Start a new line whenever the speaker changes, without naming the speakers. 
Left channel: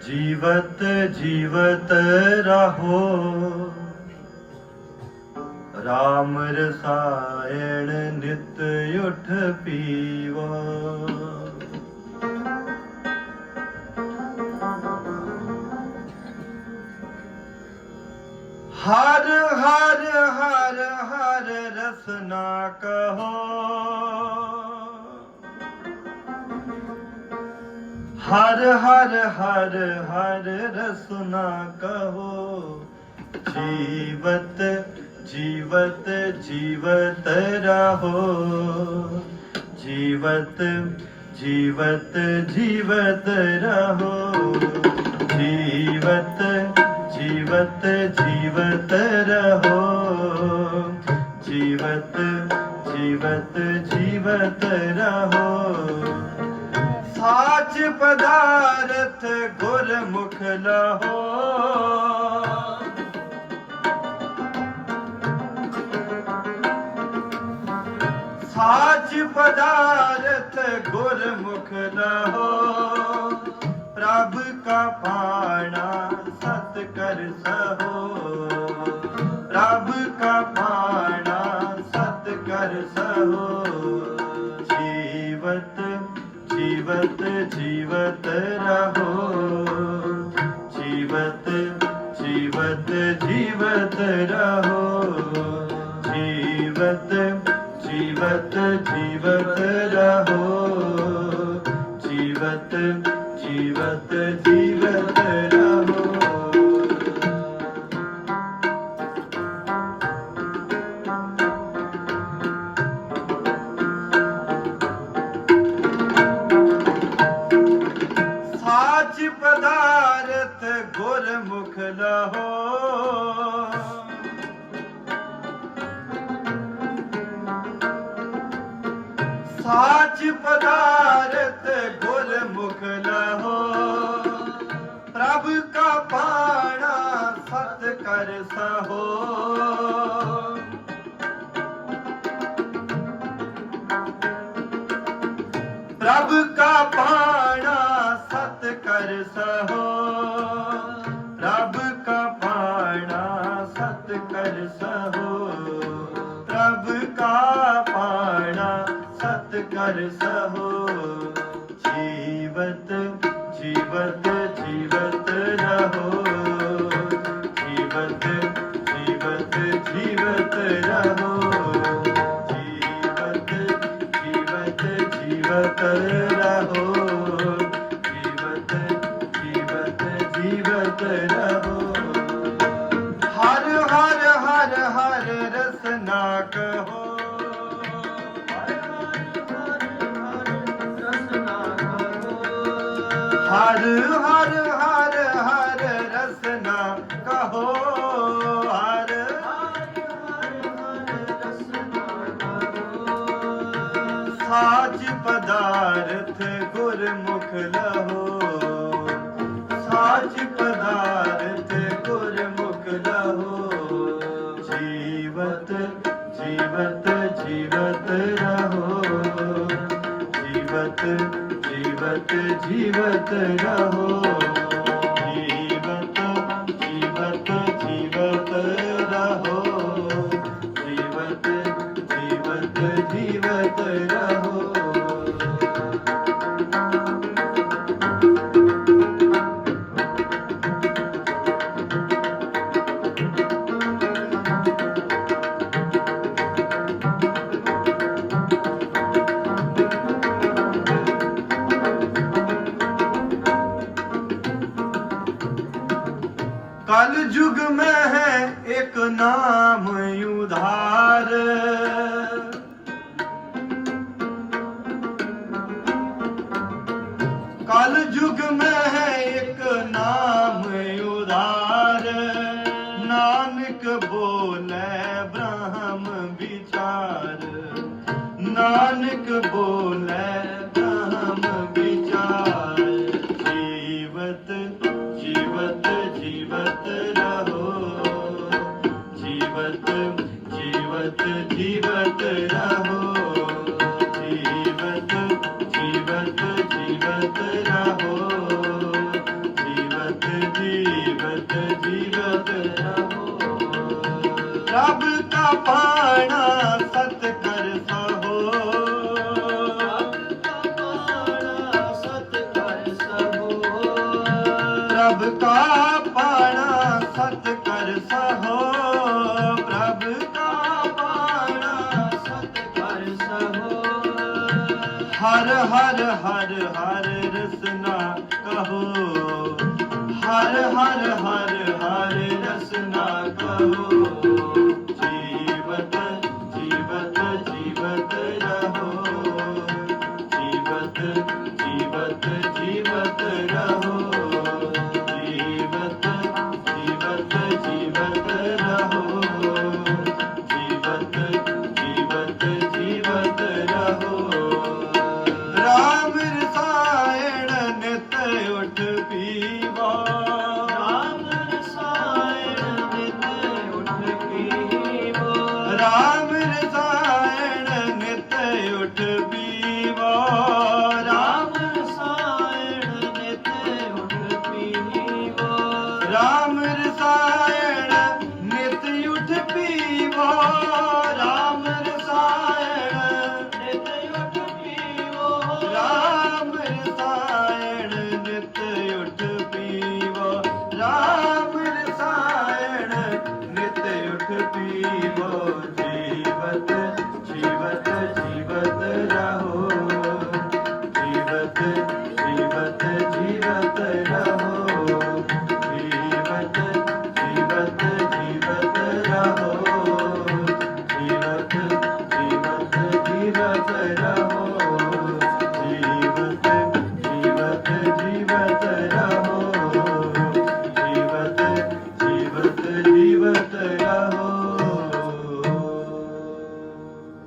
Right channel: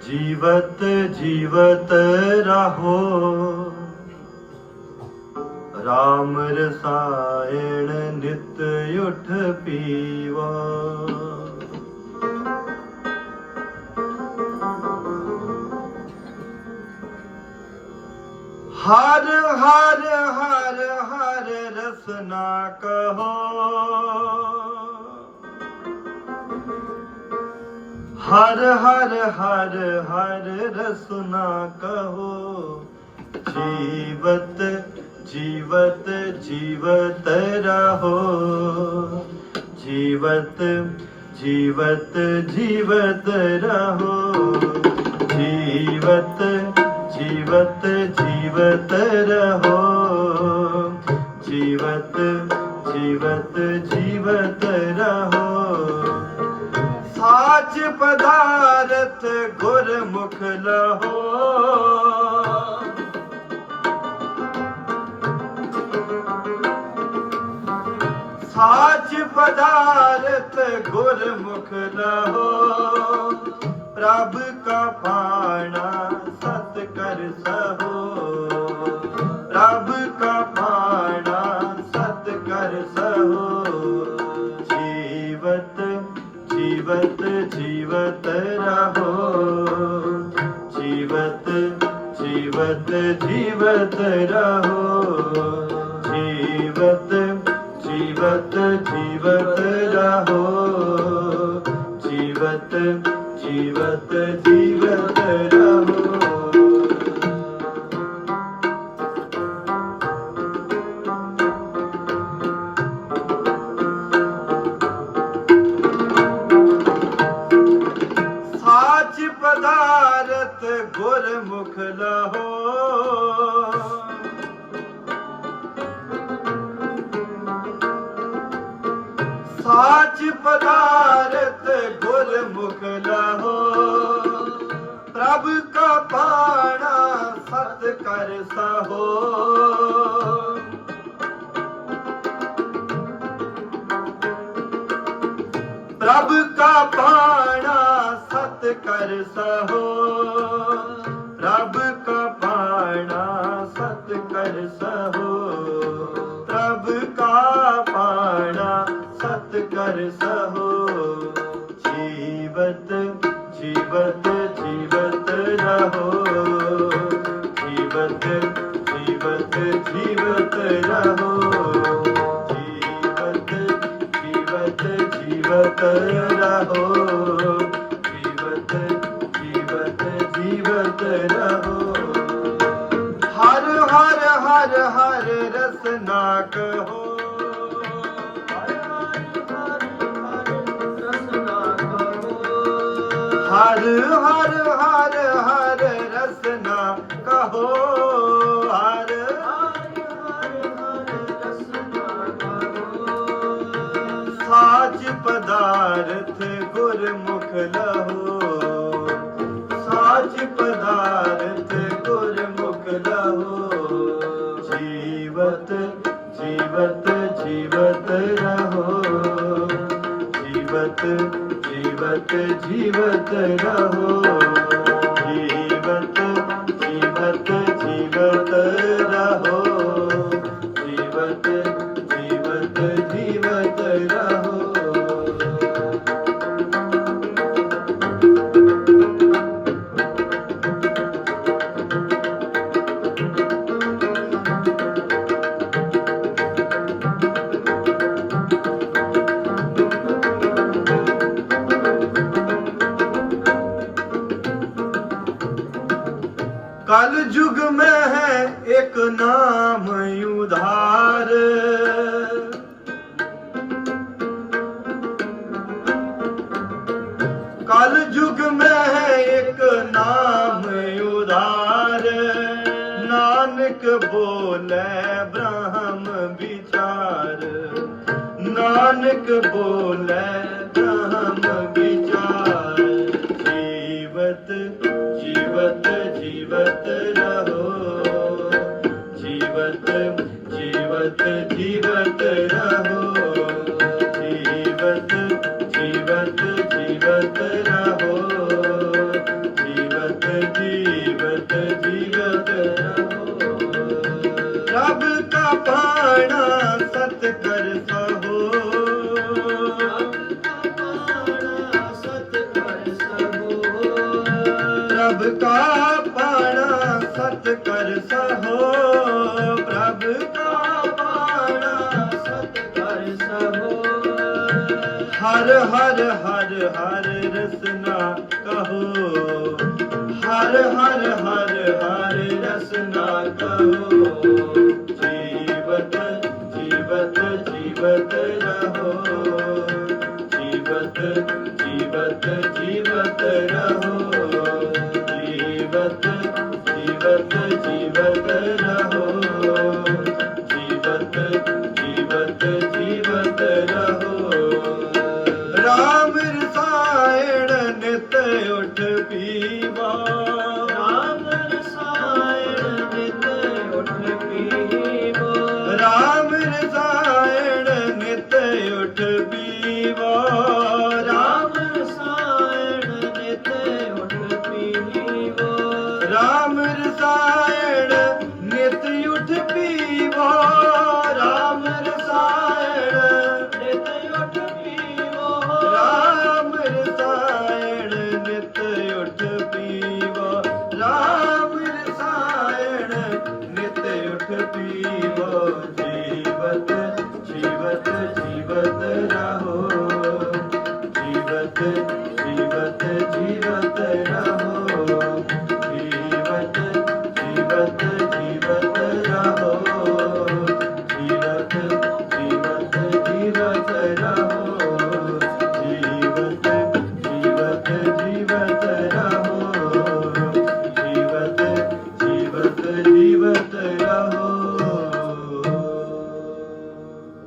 ਜੀਵਤ ਜੀਵਤ ਰਹੋ। ਰਾਮ ਰਸਾਇਣ ਨਿਤ ਉਠ ਪੀਵਾ। ਹਰ ਹਰ ਹਰ ਹਰ ਰਸਨਾ ਕਹੋ। ਹਰ ਹਰ ਹਰ ਹਰ ਰਸਨਾ ਕਹੋ। ਜੀਵਤ ਜੀਵਤ ਜੀਵਤ ਰਹੋ। ਜੀਵਤ ਜੀਵਤ ਜੀਵਤ ਰਹੋ। ਜੀਵਤ ਜੀਵਤ ਜੀਵਤ ਰਹੋ। ਜੀਵਤ ਜੀਵਤ ਜੀਵਤ ਰਹੋ। ਸਾਚ ਪਦਾਰਥ ਗੁਰਮੁਖ ਲਹੋ। ਸਾਚ ਪਦਾਰਥ ਗੁਰਮੁਖ ਲਹੋ। ਪ੍ਰਭ ਕਾ ਪਾਣਾ ਸਤ ਕਰ ਸਹੋ। ਜੀਵਤ ਜੀਵਤ ਰਹੋ ਜੀਵਤ ਜੀਵਤ ਜੀਵਤ ਪਦਾਰਥ ਗੁਰਮੁਖ ਲਹੋ। ਸਾਚ ਪਦਾਰਥ ਗੁਰਮੁਖ ਲਹੋ। ਪ੍ਰਭ ਕਾ ਪ੍ਰਭ ਕਾ ਪਾਣਾ ਸਤ ਕਰ ਸਹੋ। ਪ੍ਰਭ ਕਾ ਪਾਣਾ ਸਤ ਕਰ ਸਹੋ। ਪ੍ਰਭ ਕਾ ਪਾਣਾ ਸਤ ਕਰ ਸਹੋ। ਜੀਵਤ ਜੀਵਤ ਜੀਵਤ ਰਹੋ। ਜੀਵਤ ਜੀਵਤ ਜੀਵਤ ਰਹੋ। ਜੀਵਤ ਰਹੋ ਜੀਵਤ ਜੀਵਤ ਜੀਵਤ ਰਹੋ ਹਰ ਹਰ ਹਰ ਹਰ ਰਸਨਾ ਕਹੋ ਹਰ ਹਰ ਹਰ ਸਾਜ ਪਦਾਰਥ ਗੁਰਮੁਖ ਲਹੋ। ਸਾਜ ਪਦਾਰਥ ਗੁਰਮੁਖ ਲਹੋ। ਜੀਵਤ ਜੀਵਤ ਜੀਵਤ ਰਹੋ। ਜੀਵਤ ਜੀਵਤ ਜੀਵਤ ਰਹੋ। कल युग में है एक नाम उधार कल युग में है एक नाम उधार नानक बोले ब्रह्म विचार नानक बोले ਸਤ ਕਰ ਸਹੋ ਪ੍ਰਭ ਕਾ ਪਾਣਾ ਸਤ ਕਰ ਸਹੋ ਪ੍ਰਭ ਕਾ ਪਾਣਾ ਸਤ ਕਰ ਸਹੋ ਹਰ ਹਰ ਹਰ ਹਰ ਰਸਨਾ ਕਹੋ। ਹਰ ਹਰ ਹਰ ਹਰ ਜੀਵਤ ਜੀਵਤ ਜੀਵਤ ਰਹੋ। ਜੀਵਤ ਜੀਵਤ ਜੀਵਤ ਰਹੋ। ਜੀਵਤ ਜੀਵਤ ਜੀਵਤ ਰਹੋ।